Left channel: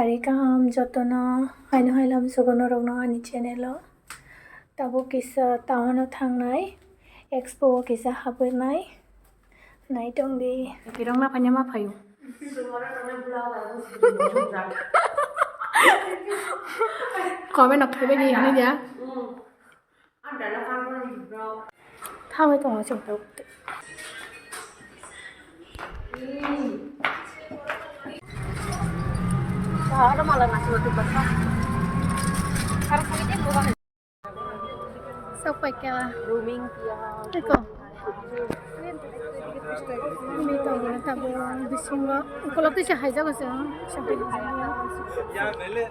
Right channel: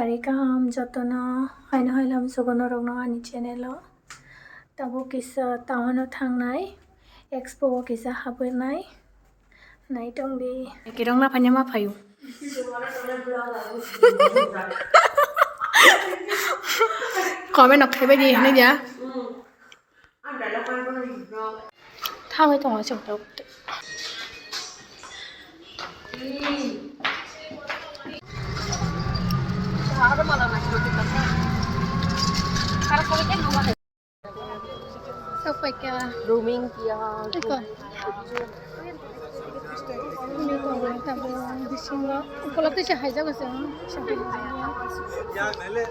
sari kaham jotono haino hailam sugono rogno ani channel tabo kisa tawano thangnai expo kisa habonai nai tongdi kirong na phanya ma phayu comment ok thấy gì này nhá thao cái tông ở trong đầu sao phải kia roaming kia cái con ini tahu tahu di sini kalau tu saya jaga sih sampai di sini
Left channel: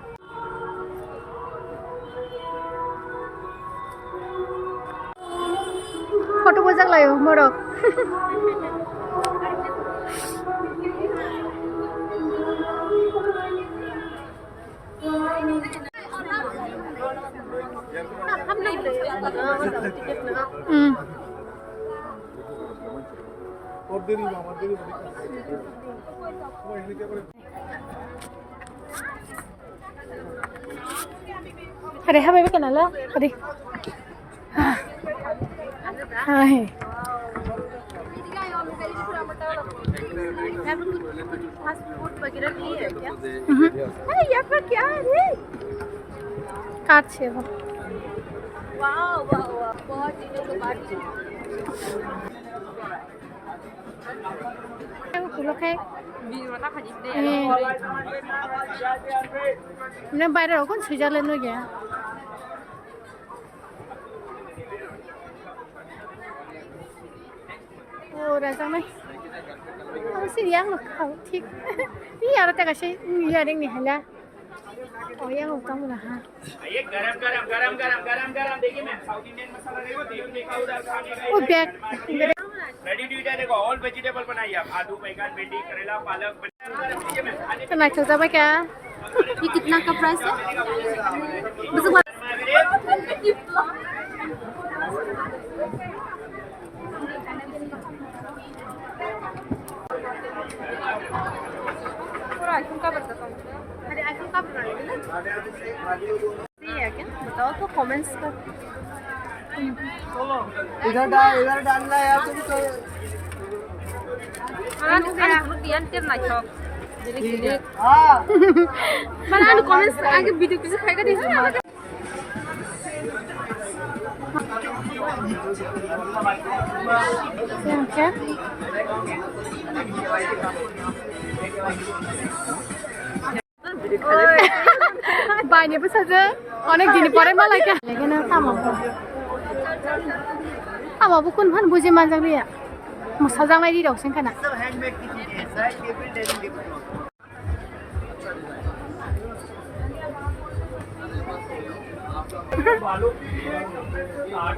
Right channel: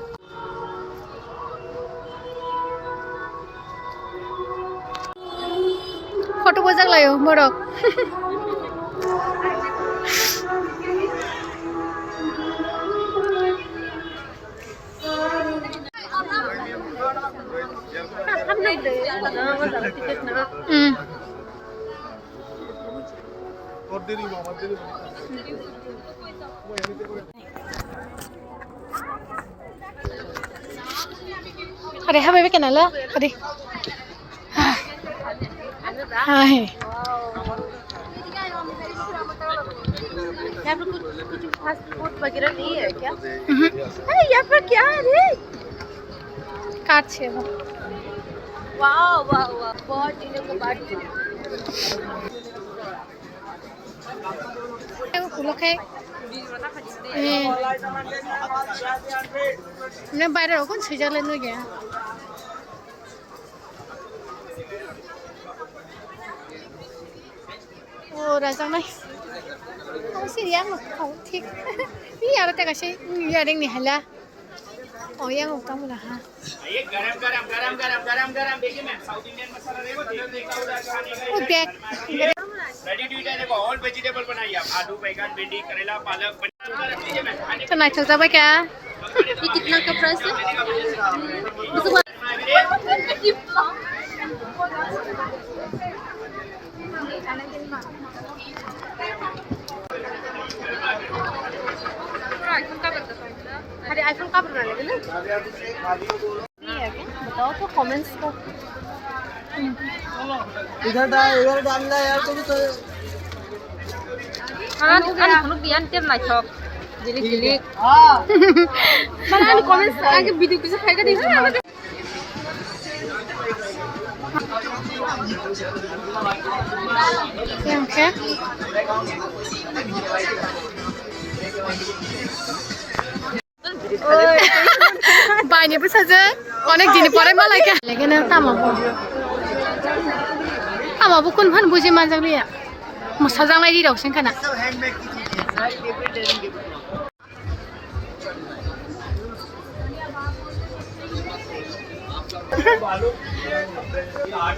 photo बजाक लायो मोरक Hadi habai be kenala hadi hai यहाँ पर कुछ fast food वगैरह नहीं है क्या? अरे यहाँ पर क्या है रे? काट छे वो। वाह वाह वाह बहुत चीज़ें को काट छे। वो फूलों के मैं बाहर हो कौन सीजा लेने गया? ओ राजा नहीं sih yang kau tik ini ada tak kasih ini ada yang ni hala oh yang utama lah ha garam देखिए मैम साउथ इंडियन मसाला देखो देखा उधर खाने का रेडी टू ईट है देखो ऑल वेजिटेबल बनाइए आप आलू बैंगन भिंडी करेला पालक लीजिए मैम तो नाइट चलता है क्या ये कितना का प्राइस है अरे आईफोन कब बना लेंगे ना फ्री है क्या बताओ तो कमेंट्स का इधर डालना यार तुम तो anh không đi ăn tiếp này cho delete mana anh comments आगे वीडियो किसे खाएगा देखो yang ke बायनोबो साजो अनेक दिनै परे मालाय का लेकिन तामाबो कोन फान बुजि मानजांलिया मोसाजांनाय दी दावसिन खाना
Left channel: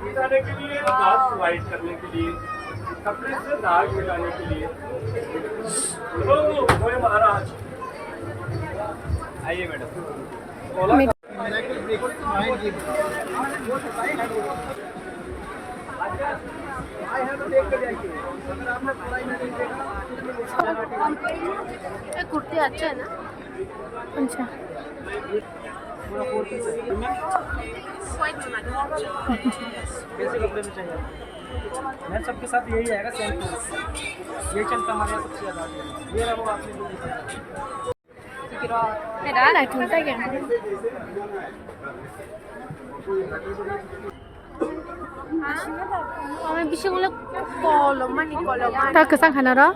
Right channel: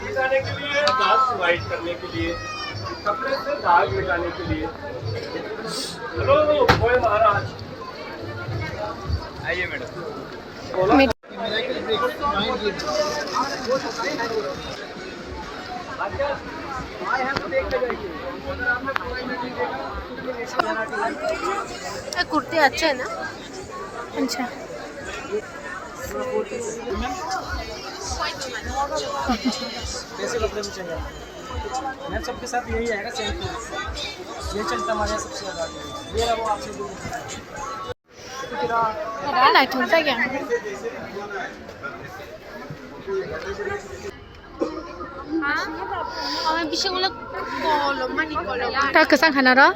मिटाने के लिए दाग वाइट करने के लिए कपड़े से दाग मिटाने के लिए लो कोई महाराज आइए मैडम कुर्ती अच्छा है ना अच्छा कैसे कपड़े में चाहिए मैम सबके साथ यही आएगा सेम ये चलता हमारे सबसे ज़्यादा ये लगो आपसे ada lah contoh yang kami bisa ngulek kolom mani kolom tak kesang hana ro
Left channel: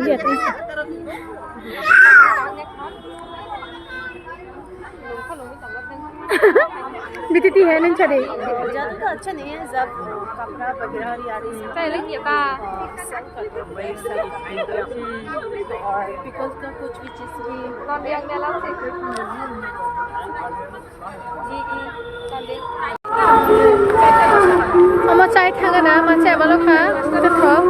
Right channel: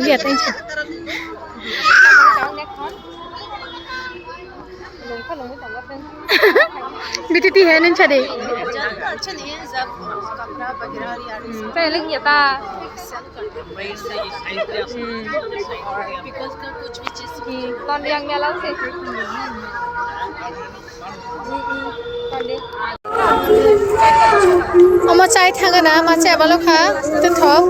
lihat aja बीती है नहीं चले अच्छा नहीं है जब कपड़ा वगैरह पहले किया था बिकॉज़ का कुछ भी चीज की कौन yang nyala sih Oma cai thanga na ma cai balo kha to thok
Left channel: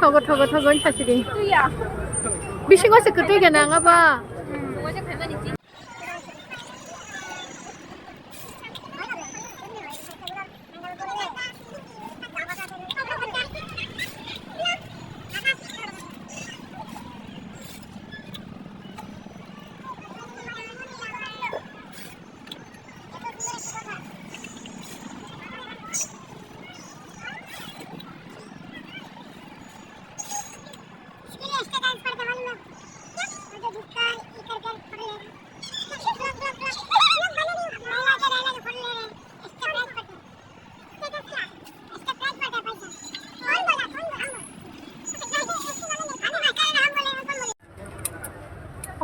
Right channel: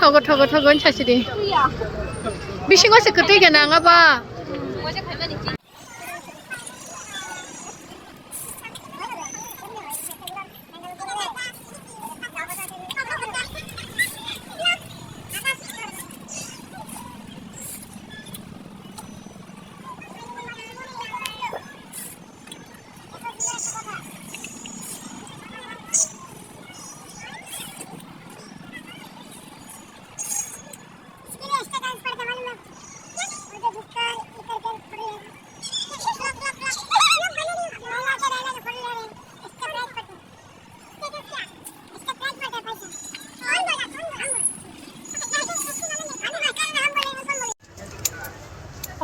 Thogo chachidi. Bishing was a katiga nangaba.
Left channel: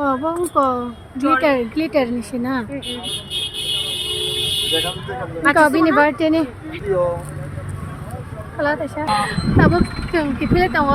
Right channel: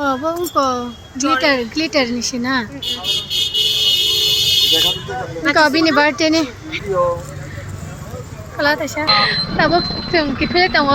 Oh, bongko glitter ni sina. Ikaw bini birthday ni. Kalau tasya, tabok tung kipilit ang